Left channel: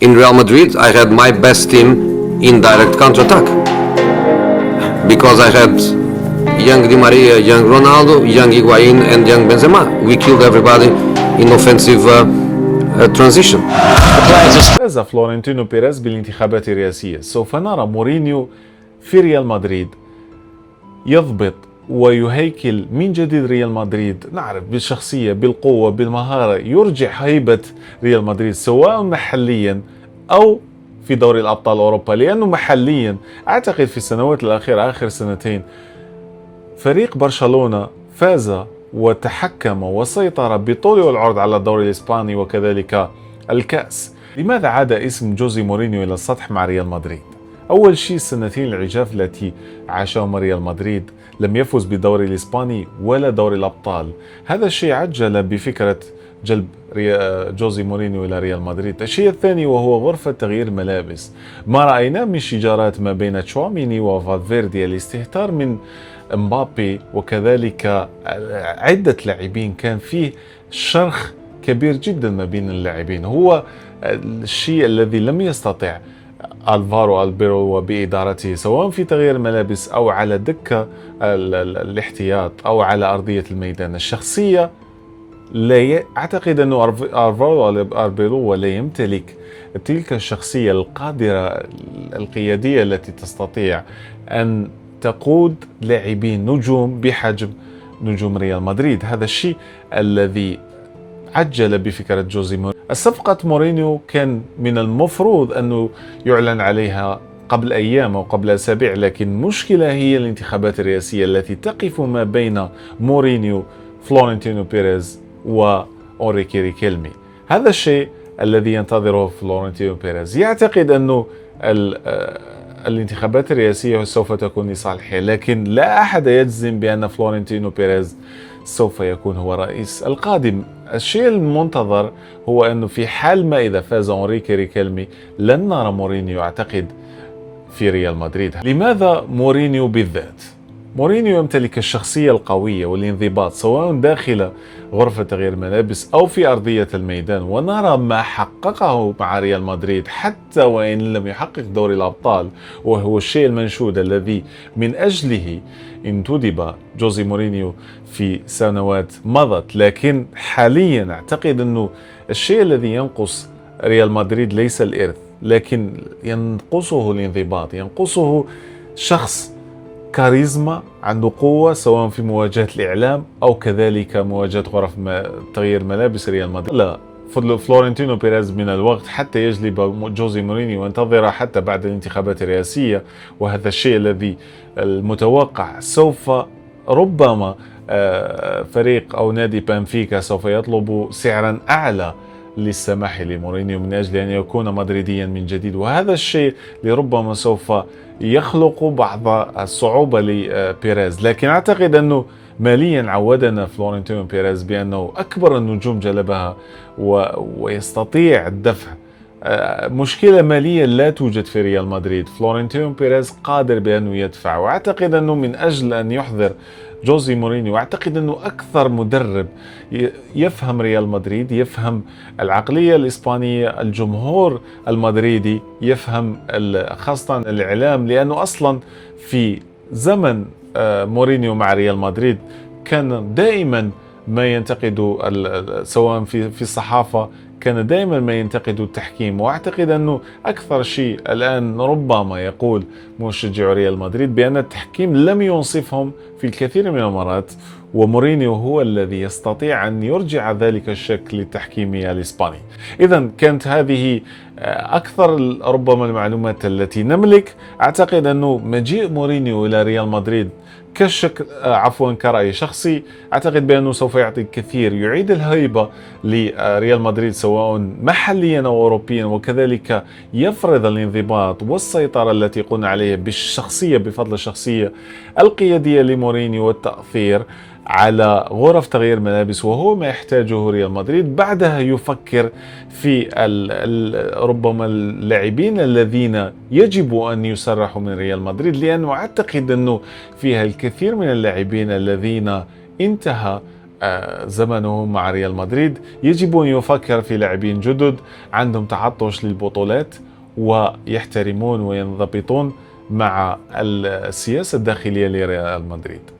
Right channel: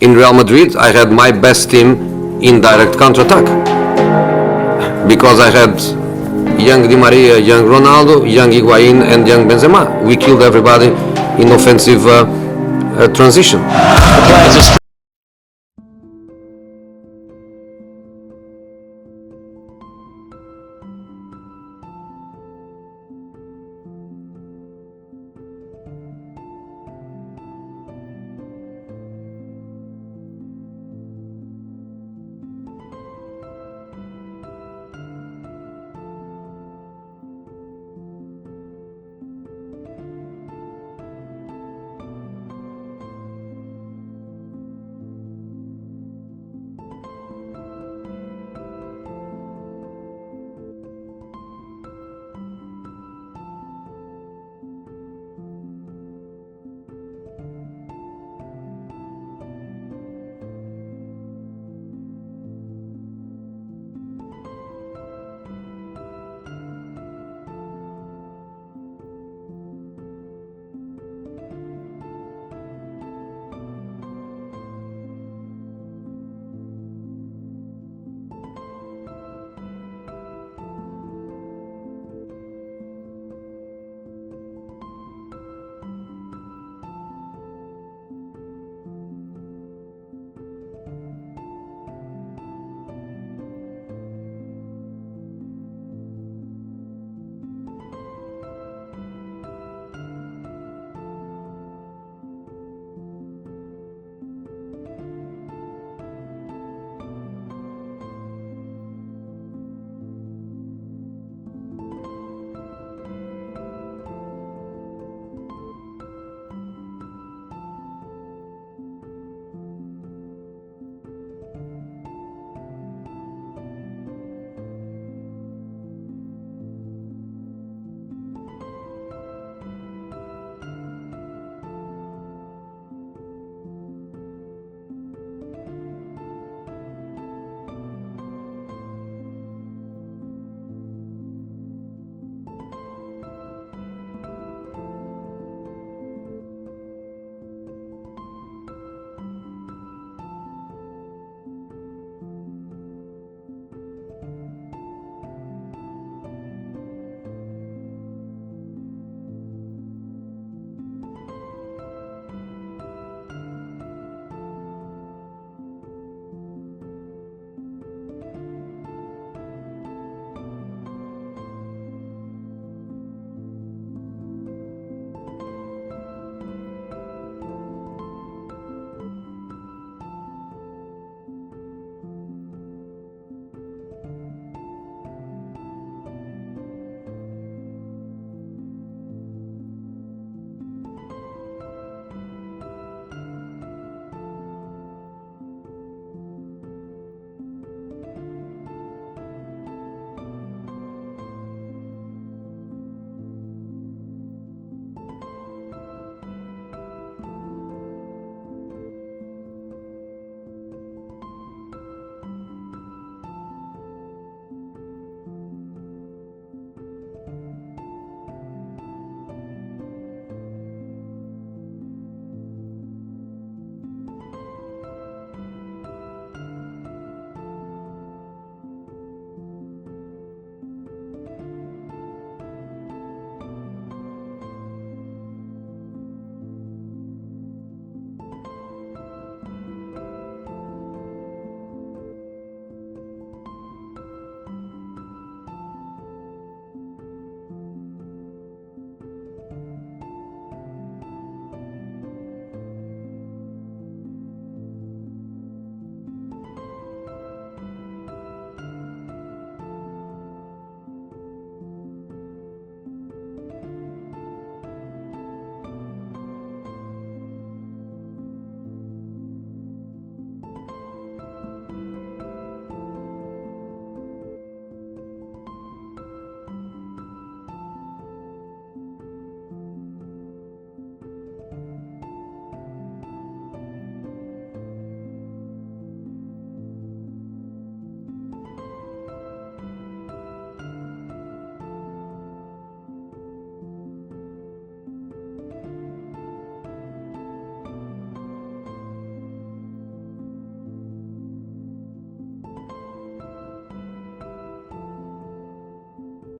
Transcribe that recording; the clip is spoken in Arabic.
In Real Madrid, I had my best team in direct counter-attack because I had young Di Maria, young Ronaldo, young Higuain and young Benzema. We killed everybody in offensive transition. فاز فلورنتينو بيريز بالانتخابات الرئاسية. سوف نرى مورينيو في ريال مدريد يضبط ويهيكل من جديد ريال مدريد، نعرف بالشخصية، بالقوة، بالمهارة، يرجع هيبة ريال مدريد سواء محليا أو في دوري الأبطال أوروبا. لأنه محليا أعتقد في السنوات الأخيرة، آخر سنتين، فريق برشلونة فاز وتحكم وسيطر بطول والعرض على الدوري الإسباني وكذلك الكأس. لماذا عاد اسم جوزي مورينيو إلى السطح مع ريال مدريد؟ أول شيء السنتين العجاف التي عاشهم ريال مدريد، لم يفز بالدوري الإسباني ولا دوري الأبطال. هذا الشيء عجل بفكرة جلب جوزي مورينيو إلى ريال مدريد. الشيء الثاني وهو غرفة تغيير ملابس. ما رأينا من شجارات ما بين تشواميني وفالفيردي، الاستهتار من مبابي وكذلك عدة لاعبين، كان فيه شرخ كبير جدا ما بين اللاعبين. هو الشيء الذي لم يستطع ألفارو ألبيرو وبإدارته سواء في تغيير الملابس أو على دكة الاحتياط أو على أرضية الميدان. الشخصية لا أعتقد أنه ألفارو ألبيرو لا يمتلك تلك الشخصية القادرة القيادية التي تستطيع أن تقود لاعبين نجوم بحجم نجوم ريال مدريد. هذا الشيء الذي عجل بفكرة جوزي مورينيو. الصفقة مورينيو كان من المفروض أنه يعلن عليها قبل أيام أو قبل أسابيع، لكن المشكلة هي الانتخابات الرئاسية التي تقف ما بين مورينيو، فلورنتينو بيريز وأوريكي ريكيلمي. هذا الشيء الذي ينتظره فلورنتينو بيريز. يعتقد أنه الانتخابات الرئاسية سوف تكون لصالحه، لكن لا أحد يجزم بأن فلورنتينو بيريز سوف يكون هو رئيس القادم. الشيء المنتظر هو أنه في حال ما إذا فاز أوريكي ريكيلمي لن نرى مورينيو أعتقد في ريال مدريد. لماذا مورينيو بالذات؟ مورينيو يمتلك الشخصية القوية والانضباط سواء داخل غرفة تغيير الملابس أو في أرضية الميدان، ونرى ما حققه مع ريال مدريد حتى وإن لم يحقق دوري الأبطال، وهو الشيء المنشود الذي من أجله انتدب جوزي مورينيو في سنوات مضت. لكن حاليا أعتقد أنه الشيء الذي ينقص ريال مدريد ليس الإرث، لكن ينقصه الانضباط، ينقصه شخص كاريزما عنده قوة سواء في مواجهة الإعلام أو كذلك مواجهة غرف تغيير ملابس ريال مدريد. لا، فلورنتينو بيريز من الوقت حتى يجلب جوزي مورينيو وينتظر حتى بعد الانتخابات الرئاسية، وهذا الشيء الذي المتوقع. سوف ربما فريق أو نادي بنفيكا سوف يطلب سعرا أعلى للسماح لمورينيو من أجل أن يكون مدريديا من جديد، وهذا الشيء لربما سوف يخلق بعض الصعوبة لبيريز. لكن أعتقد أنه ماليا عودنا فلورنتينو بيريز بأنه أكبر النجوم جلبها ويستطيع الدفع. مشكلة مالية لا توجد في ريال مدريد. فلورنتينو بيريز قادر بأنه يدفع، وأعتقد أنه من أجل أن يحضر جوزي مورينيو، أعتقد أنه أكثر مدرب يفهم ريال مدريد، يفهم العقلية الإسبانية، الجمهور المدريدي يفهم خاصة الإعلام، لأنه أصلا في زمن مورينيو مع ريال مدريد كان دائما ما ينتقد سواء في الصحافة، كان دائما ما ينتقد التحكيم. واعتقد انه اكثر شيء الان ربما يقول مشجع ريال مدريد بان التحكيم لم ينصفهم في الكثير من المرات، ومورينيو هو الذي يستطيع ان يرجع ذلك الشك للتحكيم الاسباني. اذا كانت هذه اكثر ربما المعلومات التي نملك. اعتقد انه مجيء مورينيو الى ريال مدريد كرأي شخصي، أعتقد بأنه سوف يعطي الكثير، يعيد الهيبة لريال مدريد سواء محليا أو أوروبيا، وكذلك يفرض الانضباط والسيطرة التي قلنا عليها بالشخصية، بفضل الشخصية القيادية لمورينيو والتأثير على غرف تغيير ملابس، وهو ما يحتاجه ريال مدريد. بعدها يفكر في ربما اللاعبين الذين يجب أن يسرحوا من ريال مدريد، لأنه أعتقد أنه فيها الكثير من اللاعبين الذين انتهى زمنه مع ريال مدريد يجب أن يفكر في لاعبين جدد عندهم تعطش للبطولات ويحترمون وينضبطون مع السياسة الداخلية لريال مدريد.